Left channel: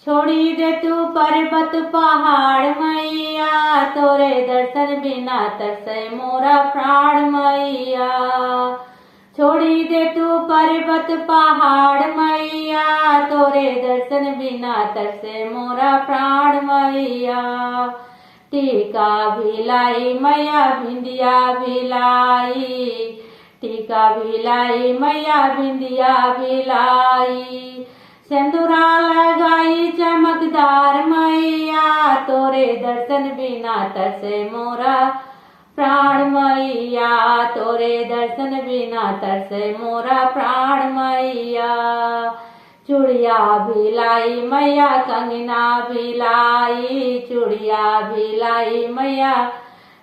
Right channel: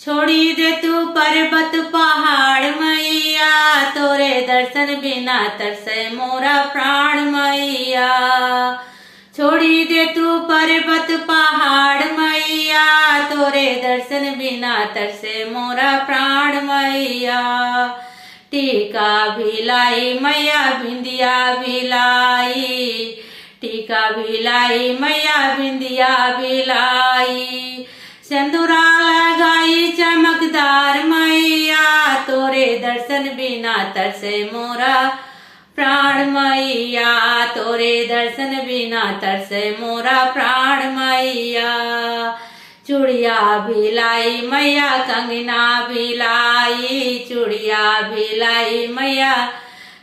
छोड़ी दे तू पर्वत पहाड़ मैया, तोरे दर्शन बिना तरसे मोरा प्राण मैया। छोड़ी दे तू पर्वत पहाड़ मैया, तोरे दर्शन बिना तरसे मोरा प्राण मैया। टीका भिलाई मैया बिंदिया भिलाई, टीका भिलाई मैया बिंदिया भिलाई। सिंदूरा लगाई चमकदार मैया, तोरे दर्शन बिना तरसे मोरा प्राण मैया। तोरे दर्शन बिना तरसे मोरा प्राण मैया। चूड़िया भिलाई मैया कंगना भिलाई, चूड़िया भिलाई मैया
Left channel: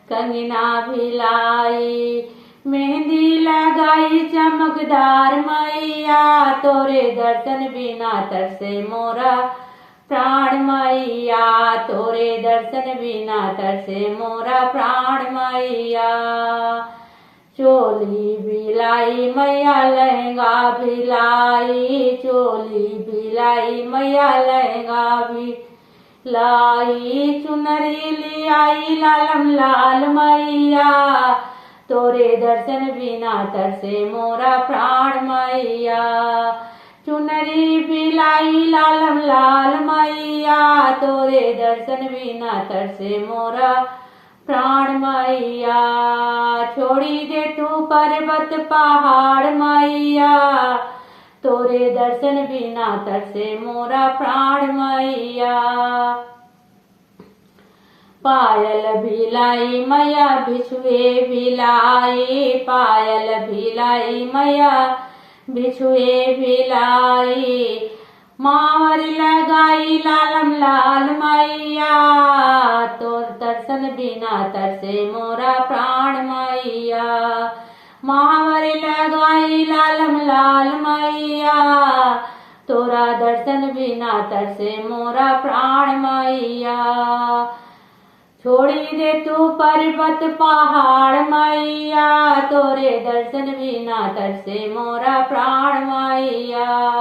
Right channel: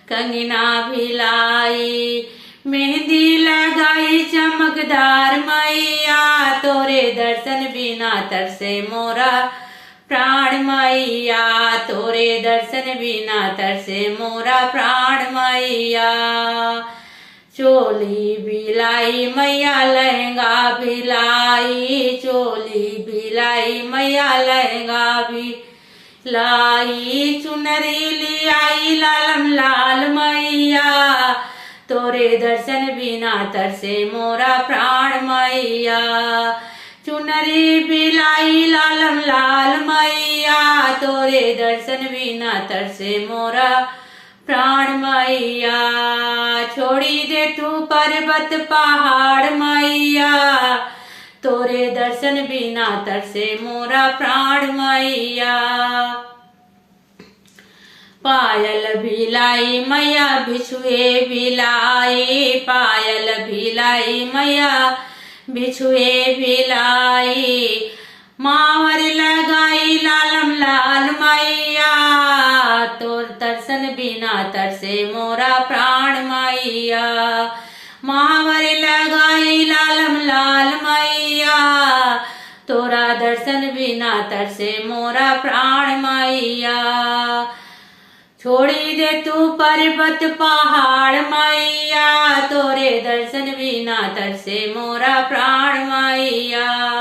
कंगना भिलाई। मेहंदी लगाई चमकदार मैया, तोरे दर्शन बिना तरसे मोरा प्राण मैया। तोरे दर्शन बिना तरसे मोरा प्राण मैया। चोली भिलाई मैया लहंगा भिलाई, चोली भिलाई मैया लहंगा भिलाई। चुनरी लियाई लालम लाल मैया, तोरे दर्शन बिना तरसे मोरा प्राण मैया। चुनरी भिलाई लालम लाल मैया, तोरे दर्शन बिना तरसे मोरा प्राण मैया। छोड़ी दे तू पर्वत पहाड़ मैया, तोरे दर्शन बिना तरसे मोरा प्राण मैया। पायल भिलाई मैया बिछुए भिलाई, पायल भिलाई मैया बिछुए भिलाई। मावर लगाई लालम लाल मैया, तोर दर्शन बिना तरसे मोरा प्राण मैया। मावर लगाई लालम लाल मैया, तोरा दर्शन बिना तरसे मोरा प्राण मैया। छोड़ी दे तू पर्वत पहाड़ मैया, तोरे दर्शन बिना तरसे मोरा प्राण मैया।